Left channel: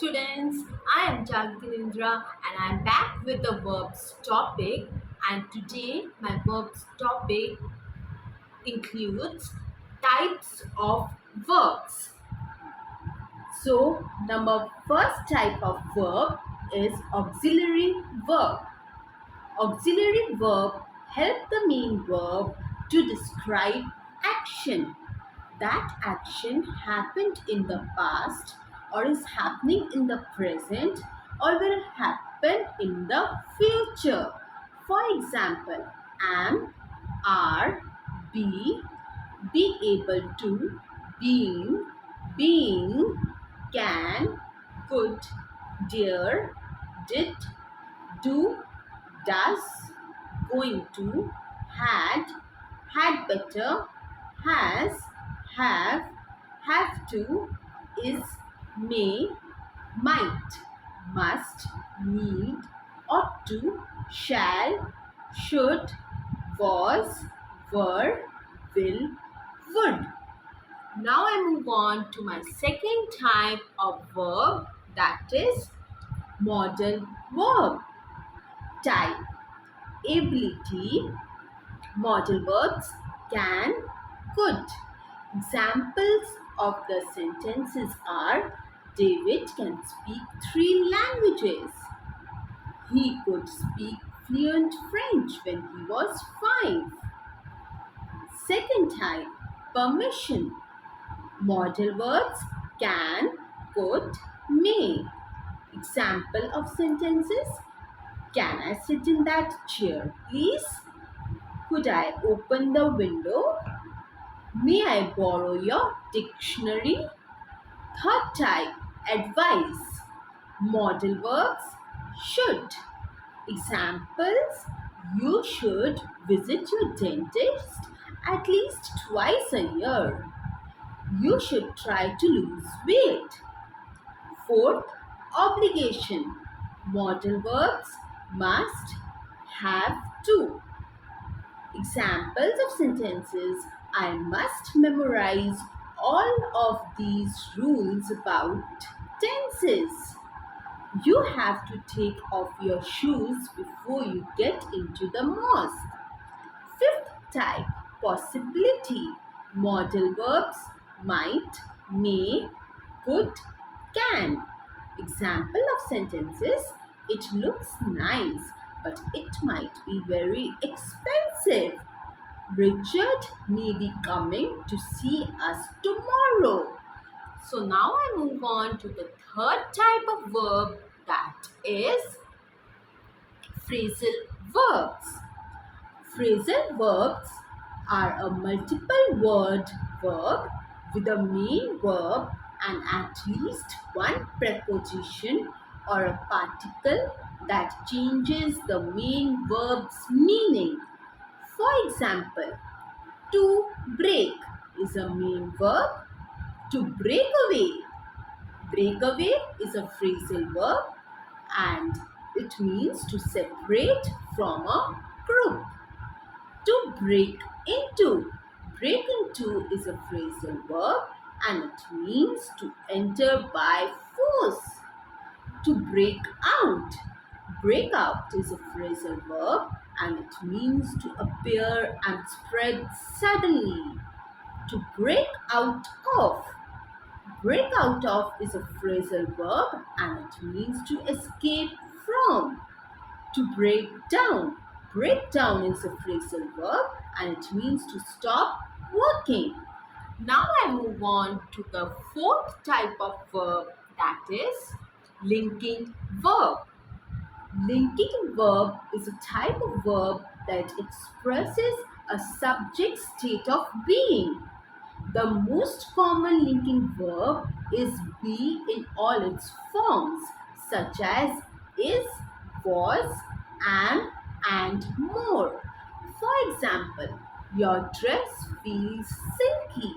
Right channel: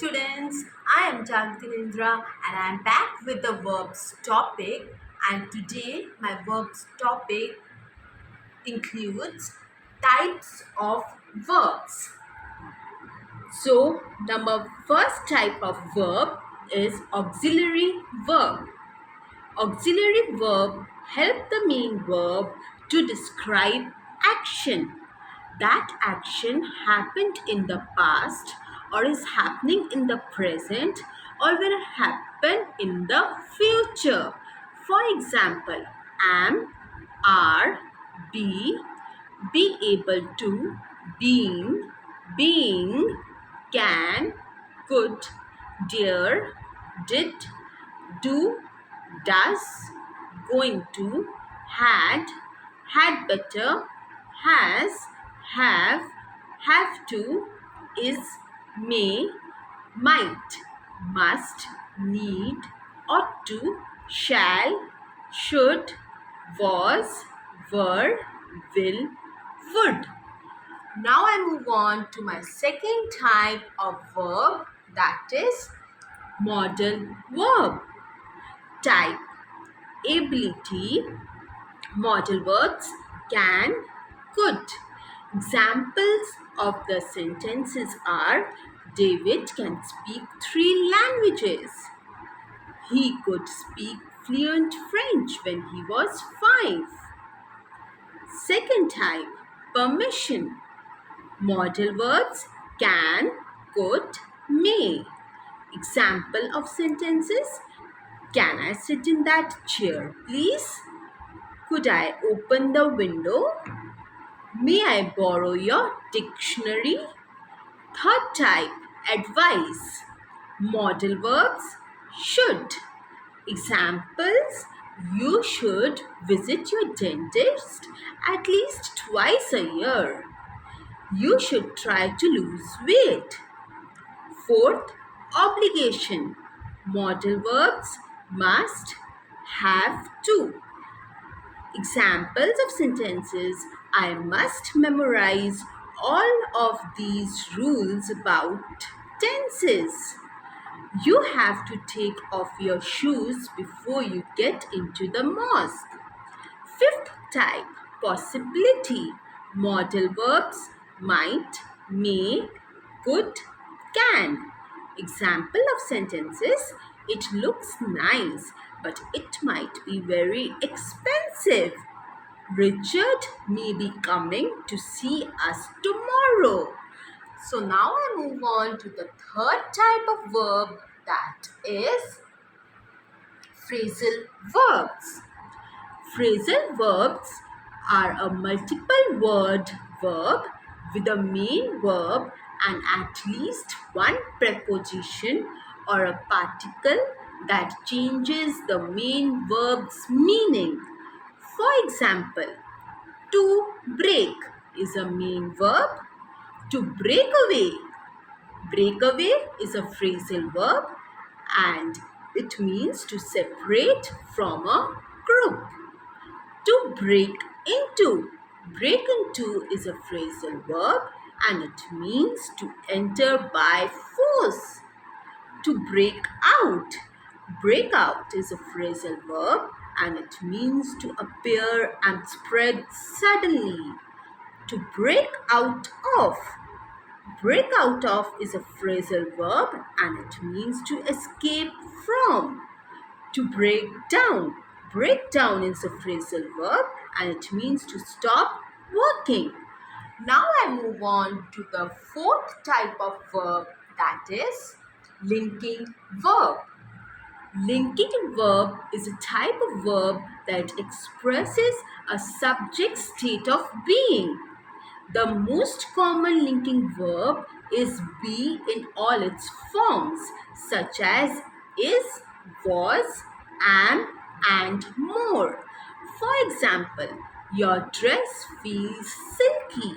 students, I am Jagatinindra and I am back with the verbs topic, and today my verbs topic includes types of verbs. So number first type of verb is auxiliary verb. Auxiliary verb help the main verb to describe action. That action happened in the past or is happening in the present or will happen in the future. For example, am, are, be able to, being, can, could, dare, did, do, does, going to, had better, has, have to, is, may, might, must, need, ought to, shall, should, was, were, will, would. Now I move on to my second type of verb, that is modal verb. Type: ability. Modal verbs: can, could. Examples of the sentences are: David can speak 3 languages. He could speak fluent French when he was 5. Second type: permission. Modal verbs: can, could, may. Example of sentences: Can I sit in that chair, please? Could I open the window? May I borrow your dictionary? Third type: advice. Modal verbs: should. Examples: You should visit your dentist at least twice a year. You should try to lose weight. Fourth, obligation. Modal verbs: must, have to. Examples of sentences: I must memorize all of these rules about tenses. You have to take off your shoes before you get into the mosque. Fifth type: possibility. Modal verbs: might, may, could, can. Example of sentences: It looks nice, but it might be very expensive. Richard may be coming to see us tomorrow. So now I move on to the third type of verb, that is phrasal verbs. Phrasal verbs are a multiple word verb with a main verb and at least one preposition or a particle that changes the main verb's meaning. For example, to break is a main verb. To break away. Break away is a phrasal verb and it means to separate from a group. To break into. Break into is a phrasal verb and it means to enter by force. To break out. Break out is a phrasal verb and it means to appear and spread suddenly. To break out of. Break out of is a phrasal verb and it means to escape from. To break down. Break down is a phrasal verb and it means to stop working. Now I move on to the fourth type of verb, that is linking verb. Linking verb is a type of verb that expresses a subject state of being. The most common linking verb is be in all its forms, such as is, was, am, and more. For example, your dress feels silky.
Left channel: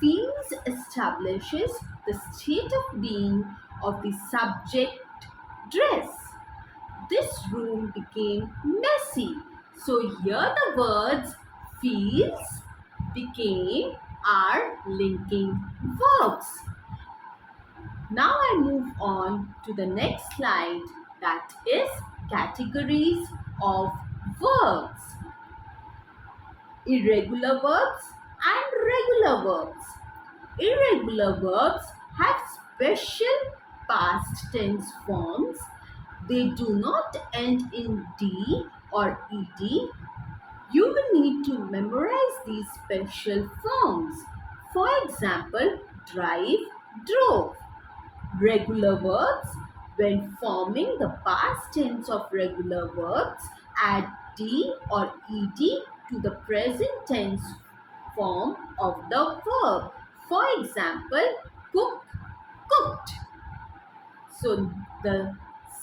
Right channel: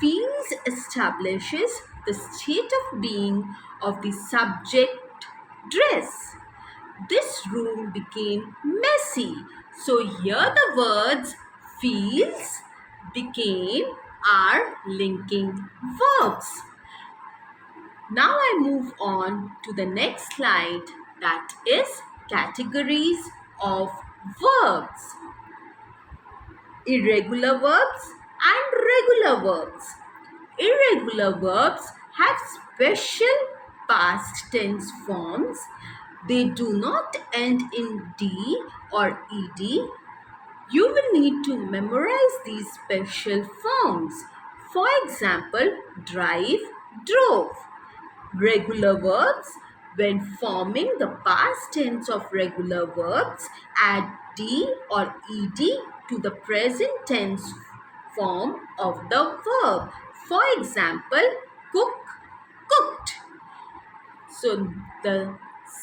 Feels establishes the state of being of the subject dress. This room became messy. So here the words feels, became are linking verbs. Now I move on to the next slide, that is categories of verbs. Irregular verbs and regular verbs. Irregular verbs have special past tense forms. They do not end in D or ED. You will need to memorize these special forms. For example, drive, drove. Regular verbs, when forming the past tense of regular verbs, add D or ED to the present tense form of the verb. For example, cook, cooked. So the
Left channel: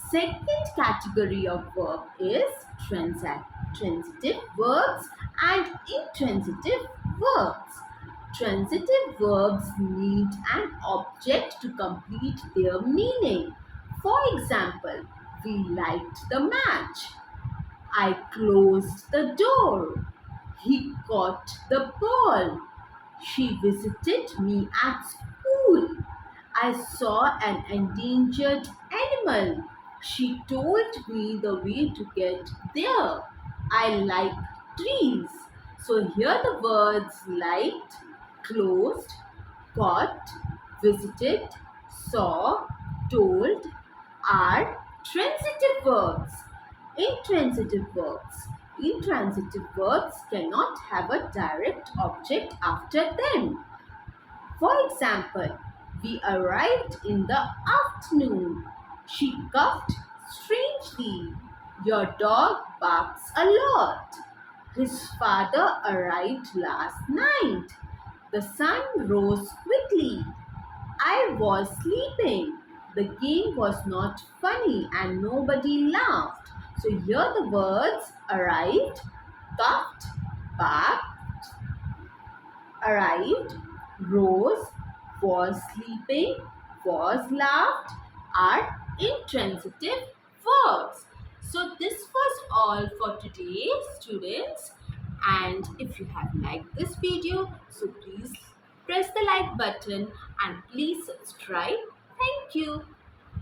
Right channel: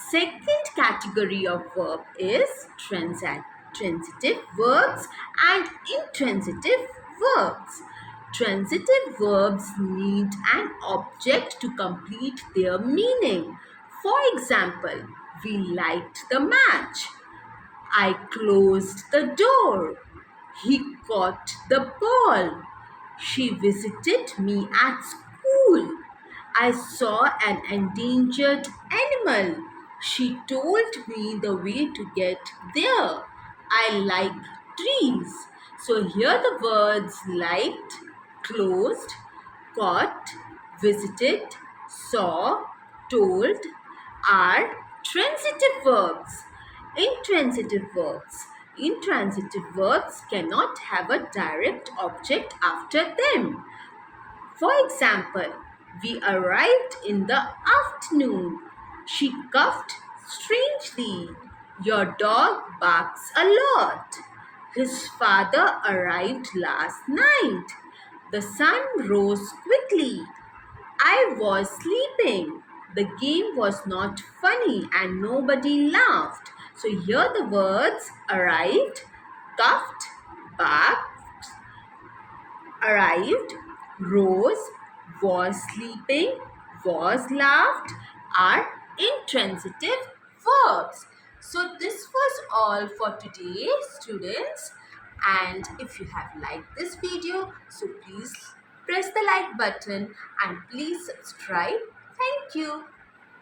second category of verb is transitive verbs and intransitive verbs. Transitive verbs need an object to complete their meaning. For example, we light the match. I closed the door. He caught the ball. She visited me at school. I saw an endangered animal. She told me the way to get there. I like trees. So here the words liked, closed, caught, visited, saw, told are transitive verbs. Intransitive verbs. Intransitive verbs cannot have a direct object after them. For example, we arrived in the afternoon. She coughed strangely. Your dog barks a lot. His father arrived last night. The sun rose quickly. I was sleeping. The game was not funny and nobody laughed. So here the words arrived, coughed, barked, arrived, rose, was sleeping, was laughed are intransitive verbs. So this was all for today, students. And if you have liked this video, so please press the like button and please subscribe. Thank you.